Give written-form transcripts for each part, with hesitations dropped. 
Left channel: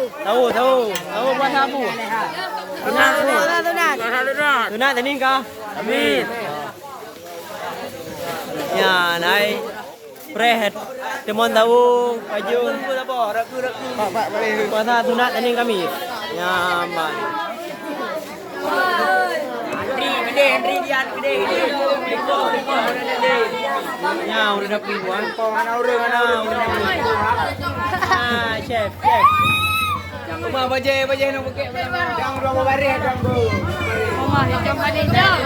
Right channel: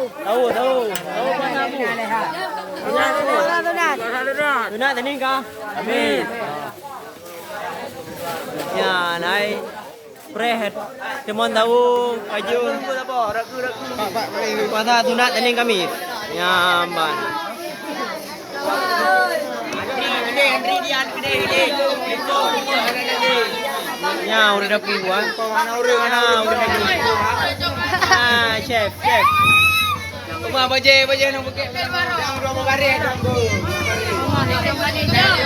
Tahu. Tunat ini kau. Amin. Ya, naik. Prehet. Temon tahu pajun. Pak, kuasa tunat ini kami. Ya, man. Gede. Ya, udah kiwan. Mana. Ah, chef. Rumah baje nak bukit. Jangan rumah baris dong tu. Rumah ni kamar ni dah.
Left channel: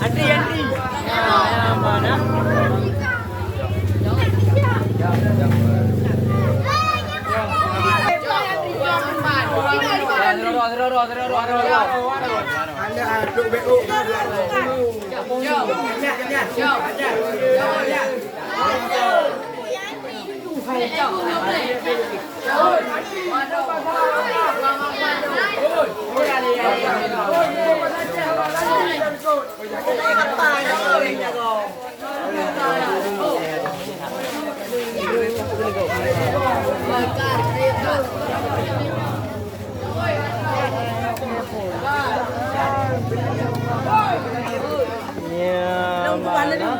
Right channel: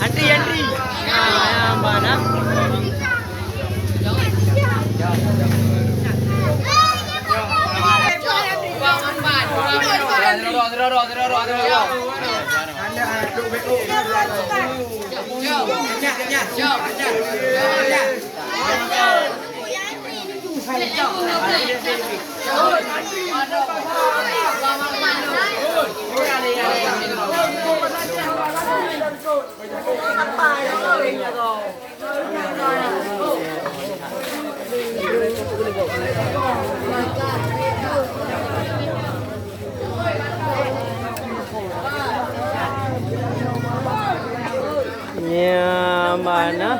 Antri. Mana? Ya, mana?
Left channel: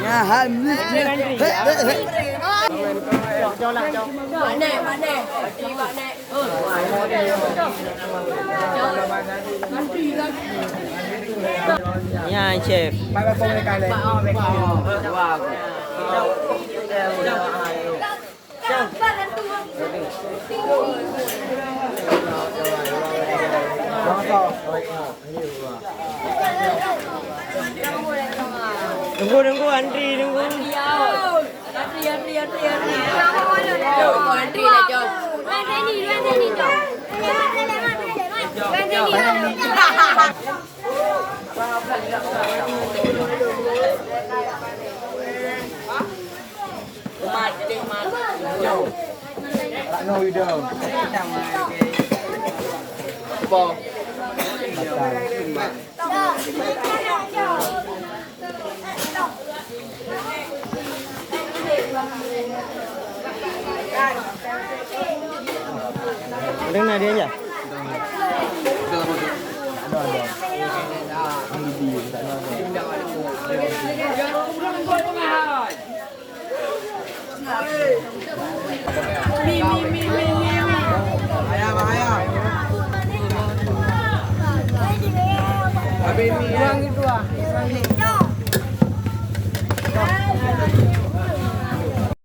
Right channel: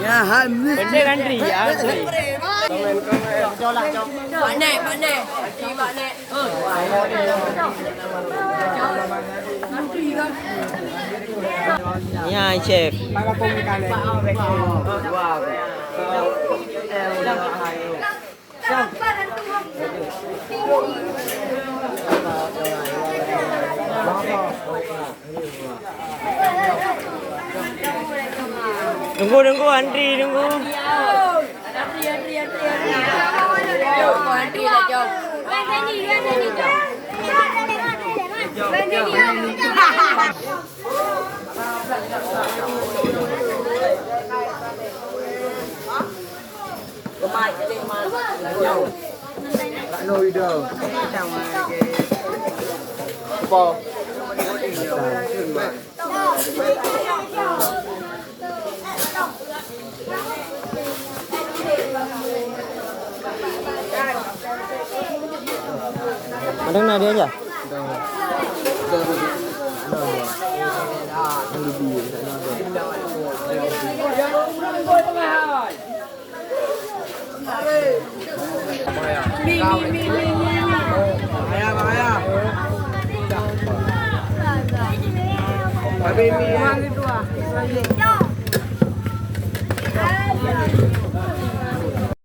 Ya, habis. Antri. Pak Nek. Ya, chef. Tunggu, antri. No, you don't. Ada nadi aja. Ayah.